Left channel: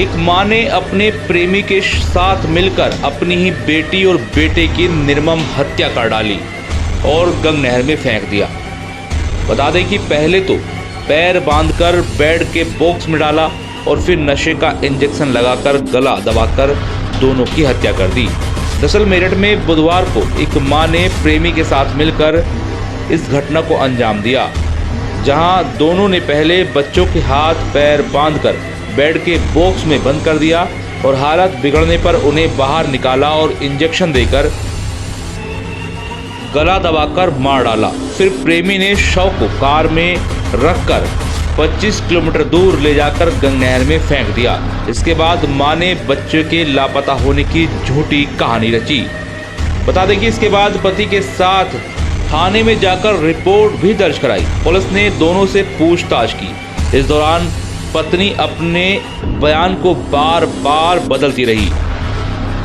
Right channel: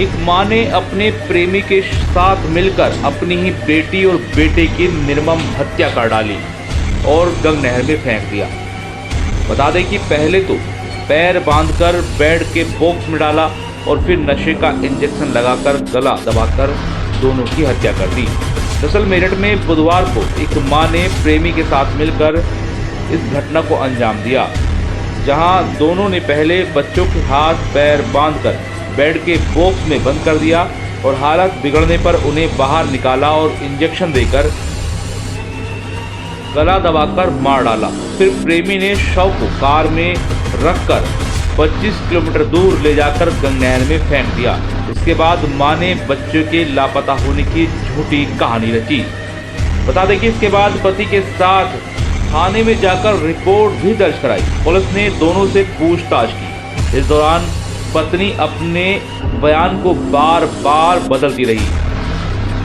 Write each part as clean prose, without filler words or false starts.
एक मां ने अपने प्रेमी के साथ मिलकर अपनी ही बेटी और बेटे की निर्मम हत्या कर डाली और गंग नहर में फेंक दिया। बता दें कि पहले तो पैर बांधकर बेड के बॉक्स में डाला और फिर नशे का इंजेक्शन लगाकर गला दबाकर दोनों की हत्या कर दी। दरअसल मेरठ में बुधवार को एक मां ने प्रेमी के साथ मिलकर इस घटना को अंजाम दिया, जहां दोनों ने पहले बच्चों के हाथ पैर बांधकर बेड के बॉक्स में बंद कर दिया और हालत बिगड़ने पर उन्हें बाहर निकाला और इंजेक्शन देकर गला दबाकर मार डाला। फिर प्रेमी ने शव को कार में रखकर 25 किलोमीटर दूर ले जाकर गंग नहर में फेंक दिया। इसके बाद मां ने बच्चे के लापता होने की झूठी कहानी रची। बता दें कि इसके बाद पति के साथ थाने में जाकर रिपोर्ट भी दर्ज कराई। पुलिस ने दोनों से पूछताछ की। इस दौरान पत्नी अपने बयान को बार बार बदलती रही।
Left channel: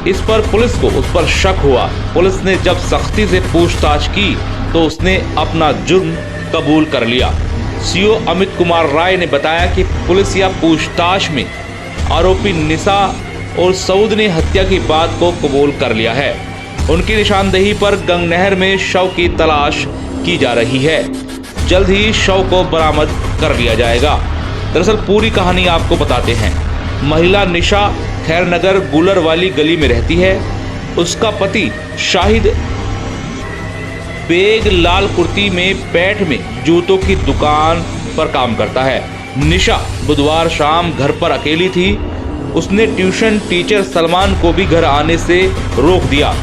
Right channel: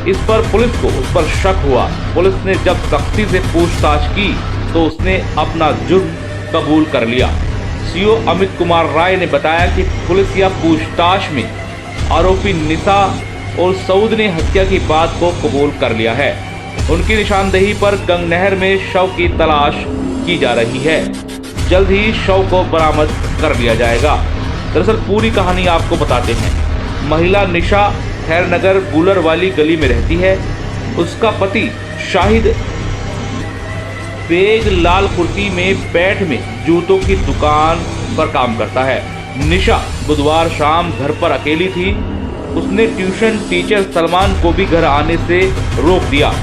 इस पर पुलिस को उस पर शक हुआ। पुलिस ने जब सख्ती से पूछताछ की तो उसने अपना जुर्म कबूल कर लिया। सीओ अमित कुमार राय ने बताया कि पुलिस या पूछताछ में आरोपी निशा और सऊद ने हत्या की बात को कबूल कर लिया है। उनकी निशानदेही पर गंग नहर में शव की तलाश की जा रही है। जल्द ही शव को बरामद कर लिया जाएगा। दरअसल पूरी कहानी आपको बताते हैं। महिला निशा खैरनगर गुलर वाली गली में रहती है। उसका पति शाहिद बेग लाल कुर्ती में पैठ में जूतों की दुकान पर काम करता है। निशा बुधवार शाम घर पर अकेली थी। उसने ट्यूशन टीचर सलमान को भी घर आने से रोक दिया,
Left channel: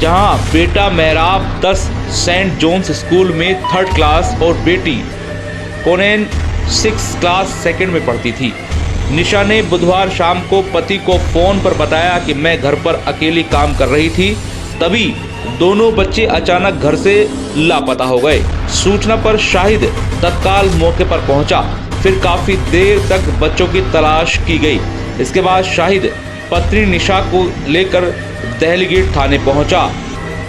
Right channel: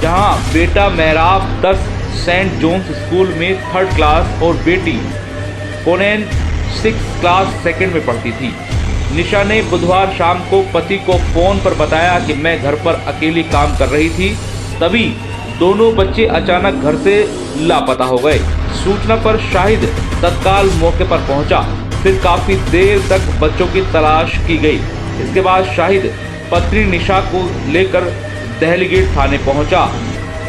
जहां बेटा मेहराब 10 सेंट जोन्स स्कूल में 3rd क्लास और बेटी कोनेन 6th क्लास 2nd में पढ़ती थी। निशा ने बुधवार शाम को पति को फोन पर बताया कि मैं घर पर अकेली काम कर रही थी, तभी दोनों बच्चे अचानक घर से लापता हो गए। सूचना पर शाहिद तत्काल मौके पर पहुंचा। फिर काफी देर तक बच्चों की तलाश की गई। इसके बाद शाहिद पत्नी निशा को लेकर दहलीगेट थाने पहुंचा।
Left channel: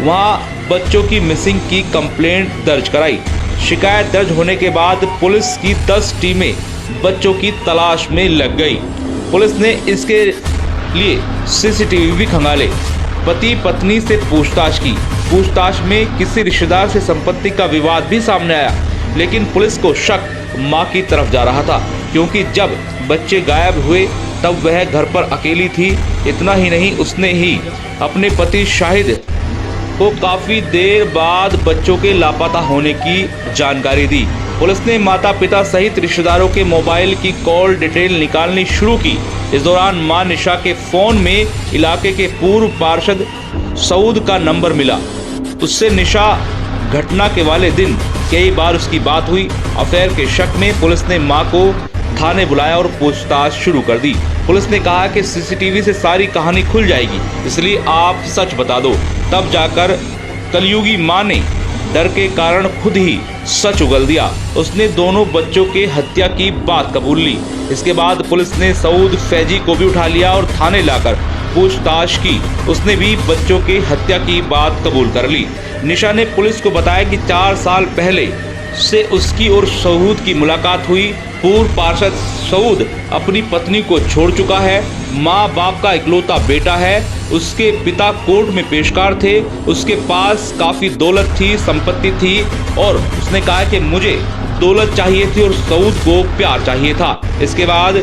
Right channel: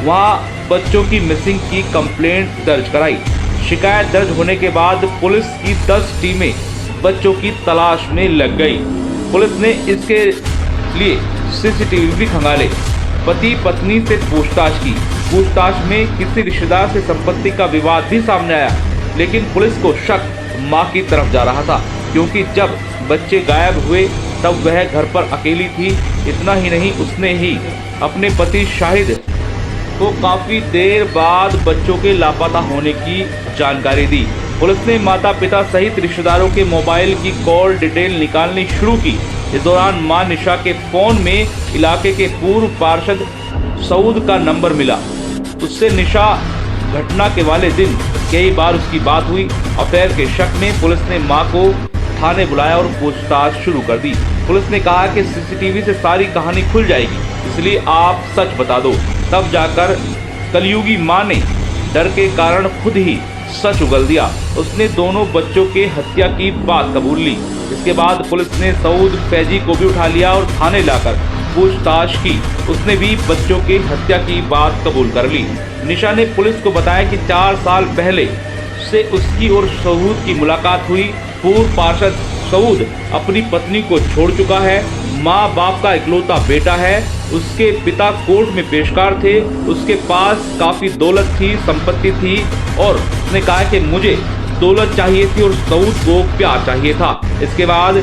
वहां बच्चों की मिसिंग की कंप्लेंट दर्ज कराई। शिकायत दर्ज होने के बाद पुलिस की 10 टीमें बच्चों की तलाश में लग गई। पुलिस ने इसके लिए सीसीटीवी भी खंगाले। पति पत्नी से पूछताछ की। पूछताछ में किसी रिश्तेदार से संपत्ति का विवाद भी सामने आया, लेकिन पुलिस को शक मां की तरफ जा रहा था, क्योंकि जब बच्चे गायब हुए तब वह घर पर अकेली थी। इतना ही नहीं, उसने ही अपने पति शाहिद को काफी देर बाद बच्चों के लापता होने की जानकारी दी। पुलिस ने माता पिता सहित रिश्तेदारों के मोबाइल की कॉल डिटेल निकालनी शुरू की। इस दौरान मां निशा के फोन में इलाके के पूर्व पार्षद सऊद का नंबर मिला। उससे निशा घटना के वाले दिन कई बार उसकी बात हुई। अफेयर के शक में पुलिस ने मां को थाने बुलाया और पूछताछ शुरू कर दी। पुलिस ने कहा कि सीसीटीवी से सारी कहानी खुल जाएगी, इसलिए आप सच बता दो। तब जाकर कलयुगी मां ने डर के कारण खुद ही सच उगल दिया। उसने दोनों बच्चों के हत्या की बात कबूल ली। इसके बाद पुलिस ने सऊद फैजी को भी उठा लिया और थाने लाकर पूछताछ की। उसने भी बच्चों की हत्या की बात कबूल कर ली। निशा ने पुलिस को बताया कि 4 साल पहले से उसकी और सऊद की मुलाकात हुई। पूर्व पार्षद सऊद अपनी पत्नी को छोड़ चुका है। माँ बाप का इकलौता बेटा है। उसके पिता कोर्ट में पेशकार थे। उसके पास काफी दौलत थी, संपत्ति थी, और उसने कहा कि मुझे दौलत चाहिए थी और सऊद को प्यार चाहिए था। इसके बाद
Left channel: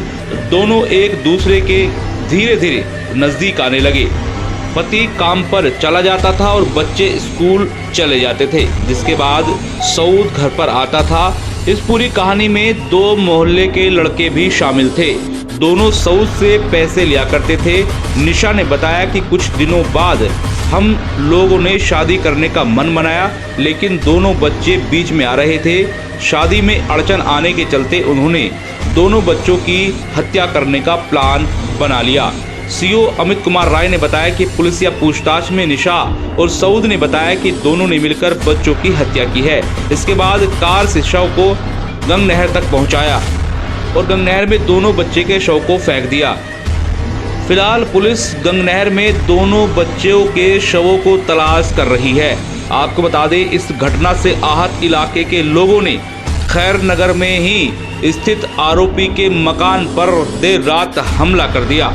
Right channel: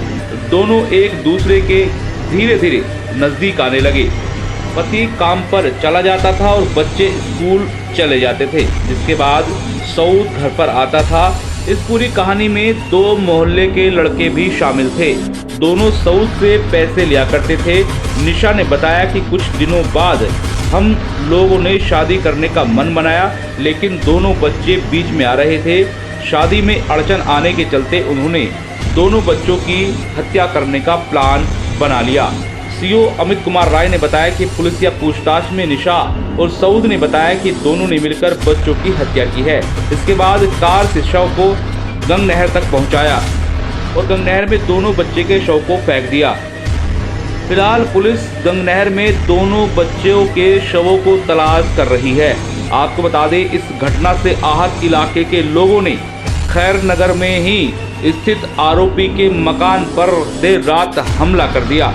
दोनों एक दूसरे के धीरे धीरे नजदीक आने लगे। पति काम पर चला जाता था और बच्चे स्कूल चले जाते थे, जिसके बाद सऊद घर पर आता था। इस पूरी कहानी में 2 मोहल्ले के लड़के भी शामिल थे। दोनों सऊद से पैसे लिया करते थे। निशा ने बताया कि कुछ दिनों बाद हम लोगों ने शादी करने का मन बनाया, लेकिन दोनों बच्चे बीच में आ रहे थे। शादी में अड़चन आने के चलते उन्होंने दोनों बच्चों की हत्या करने का प्लान बना लिया। सीओ अमित कुमार राय ने बताया कि पुलिसिया पूछताछ में निशा और सऊद ने बताया कि दोनों ने मिलकर बच्चों की हत्या की है। इसके बाद कार से शव को गंग नहर तक पहुंचाया और गंग नहर में दोनों बच्चे के शव को फेंक दिया। फिलहाल पुलिस गंग नहर में दोनों बच्चों के शवों को तलाश कर रही है। आपको बता दें, इस घटना से आहत इलाके के लोगों ने खैर नगर में ही स्थित आरोपी के मकान पर देर रात हमला कर दिया।